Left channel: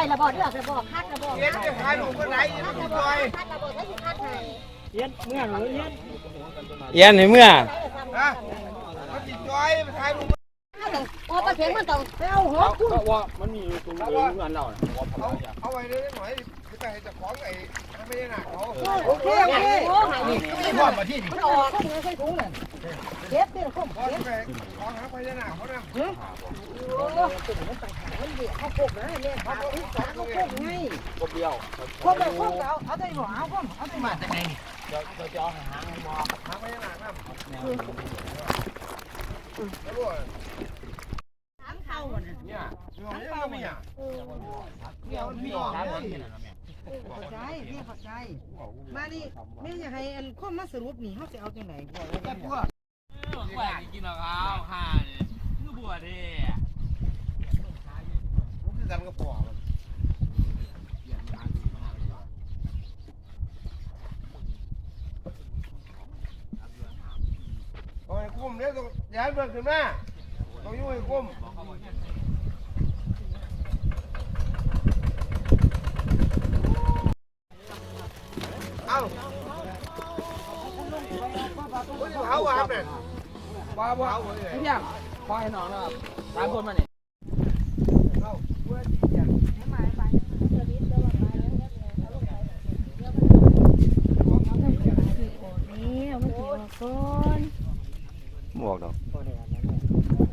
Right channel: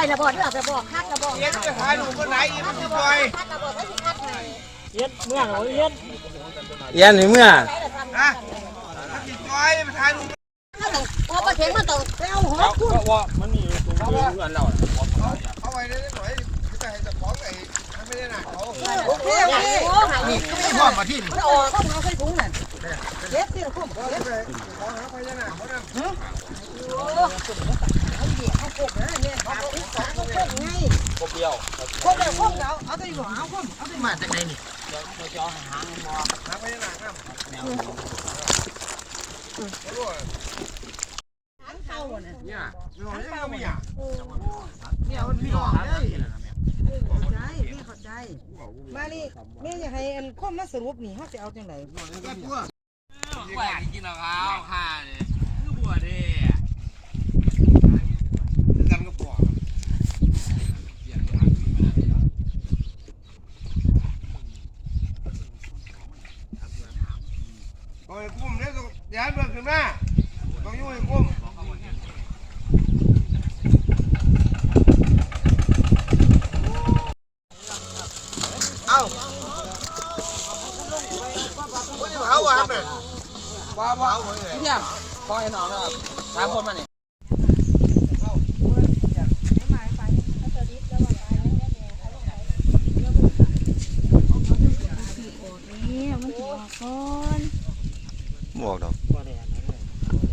ได้ระบอกเด้อระบอกคักระบอกเย็นจะถ่ายรูปคนไหนอีมันสิปล่อยคักระบอกไม่สิคักให้เย็นเมื่อหนูเย็นเอียนนี่เมื่อฮะมันสิจอยมันถ่ายรูปโอ้ประเทศมันต้องเอาหัวขึ้นว่ามันมีถึงเพื่อนเราเอาไว้ได้หน่อยจะให้เจ้าของไอ้ไม่ได้หนักเขาโอเคโอเคโอ้หายนี่พ่อมาที่นี่มันออกเข้ามาใส่ถุงนั่นเก็บที่คุ้มพ่อจะไปขอหาพญานาคเขานะ มันเดียเนี่ยเขาอีสานเขาคุ้มไงคนเดียวคุ้มเลยคุ้มเอาเอาไปบ่เอาคุ้มเอาไปมาจากไหนนี่เราจะเอาหางมอหาพญานาคนะอันเท่าน่เนี่ยมีของเล่ามีอ่เนี่ยมันมีออกเลยเข้าใจพี่เข้าใจ มานี่แม่อยากให้อันข้อมาสรุปนี่เฮาสิเอาจังได๋ก็พวกแหวกกินข้าวค่ะเนี่ยคือบัวเด้ กันก็ปอก โอ้ยกุ้มเนี่ยต้องย้ายเบิ่งขึ้นมาต้องยุ่งไอ้กุ้มเอ้าเอาวะครับเนี่ยว้าวว้าวเนี่ยปล่อยหนอยนะครับสามคนมาเนี่ยนี่มั บอกดอก่อนหมวกดอกเลย